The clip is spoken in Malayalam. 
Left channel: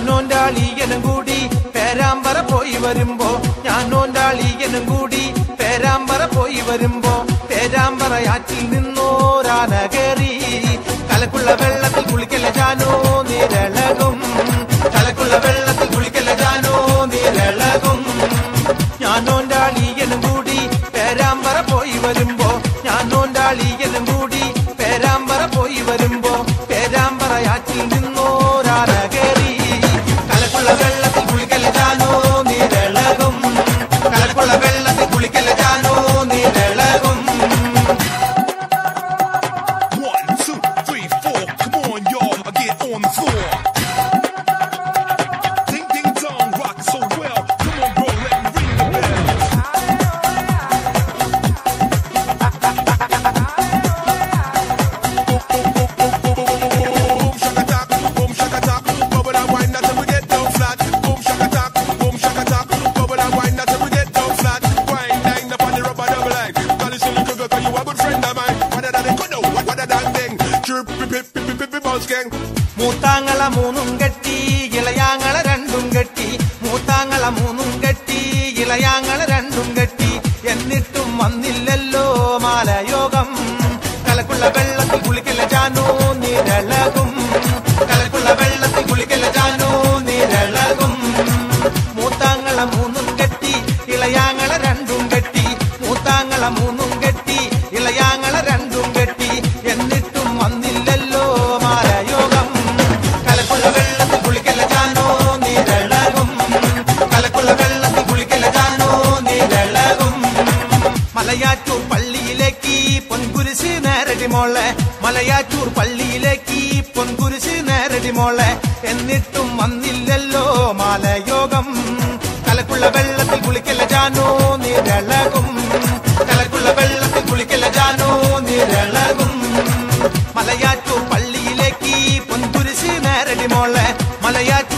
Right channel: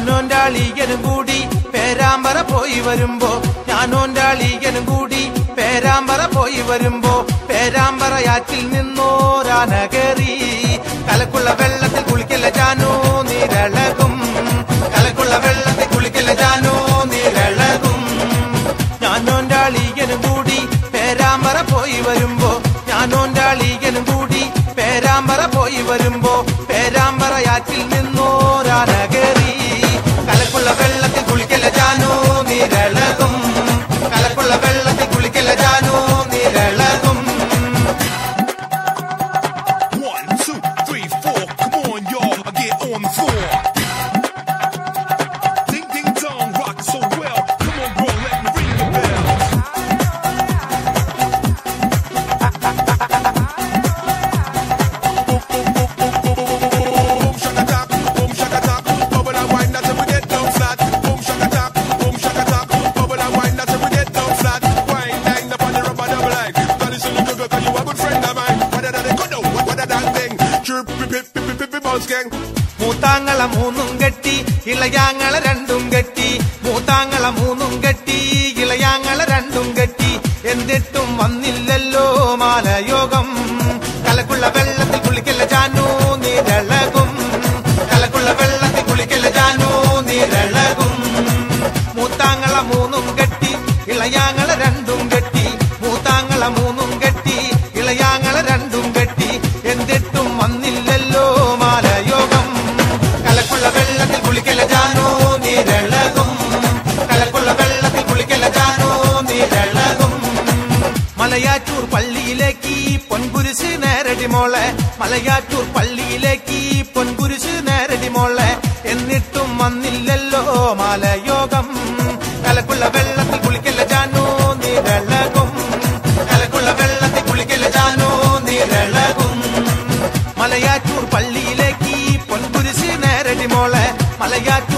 ഞാനോന്റാളികനും കൂടി പേരാമ്പറ പോയി വരുമ്പോ ഞാനോന്റാളികനും കൂടി പേരാമ്പറ പോയി വരുമ്പോ പേരാമ്പറയാറ്റിൽ നിന്നോരാന കേറി കലക്കുള്ള വെള്ളത്തിൽ കുളിക്കല ജാനു നീരളകും കലക്കുള്ള വെള്ളത്തിൽ കുളിക്കല ജാനു നീരളകും ഞാനോന്റാളികനും കൂടി പേരാമ്പറ പോയി വരുമ്പോ ഞാനോന്റാളികനും കൂടി പേരാമ്പറ പോയി വരുമ്പോ പേരാമ്പറയാറ്റിൽ നിന്നോരാന കേറി കലക്കുള്ള വെള്ളത്തിൽ കുളിക്കല ജാനു നീരളകും കലക്കുള്ള വെള്ളത്തിൽ കുളിക്കല Janu നീരളകും. 1, 2, 3, 4, come on y'all, I get on the floor. Ding ding dong, rock so well. Come on bro, let me ring the bell. Boom shaka tap, bubble and wine until we get down flat. Boom shaka tap, bubble and wine until we get down flat. Wine line up on the rubber double line. Girl, you silly girl, 'cause you a good friend of mine. What a da good, what a dang ding. Chirp, pip, pip, pip, pip, pip, bounce gang. മൂത്താങ്ങള മൂന്നും കെട്ടി ഇളയാങ്ങള രണ്ടും കെട്ടി മൂത്താങ്ങള മൂന്നും കെട്ടി ഇളയാങ്ങള രണ്ടും കെട്ടി എന്നിട്ടും വന്നില്ലല്ലോ മാലയോഗം കലക്കുള്ള വെള്ളത്തിൽ കുളിക്കല ജാനു നീരളകും കലക്കുള്ള വെള്ളത്തിൽ കുളിക്കല ജാനു നീരളകും മൂത്താങ്ങള മൂന്നും കെട്ടി ഇളയാങ്ങള രണ്ടും കെട്ടി മൂത്താങ്ങള മൂന്നും കെട്ടി ഇളയാങ്ങള രണ്ടും കെട്ടി എന്നിട്ടും വന്നില്ലല്ലോ മാലയോഗം കലക്കുള്ള വെള്ളത്തിൽ കുളിക്കല ജാനു നീരളകും കലക്കുള്ള വെള്ളത്തിൽ കുളിക്കല ജാനു നീരളകും. മലയാറ്റൂർ പള്ളിയിലേക്ക് പൊൻകുരിശ് നേരടി മോളെ മലയാറ്റൂർ പള്ളിയിലേക്ക് പൊൻകുരിശ് നേരടി മോളെ എന്നിട്ടും വന്നില്ലല്ലോ മാലയോഗം കലക്കുള്ള വെള്ളത്തിൽ കുളിക്കല ജാനു നീരളകും കലക്കുള്ള വെള്ളത്തിൽ കുളിക്കല ജാനു നീരളകും. മലയാറ്റൂർ പള്ളിയിലേക്ക് പൊൻകുരിശ് നേരടി മോളെ മലയാറ്റൂർ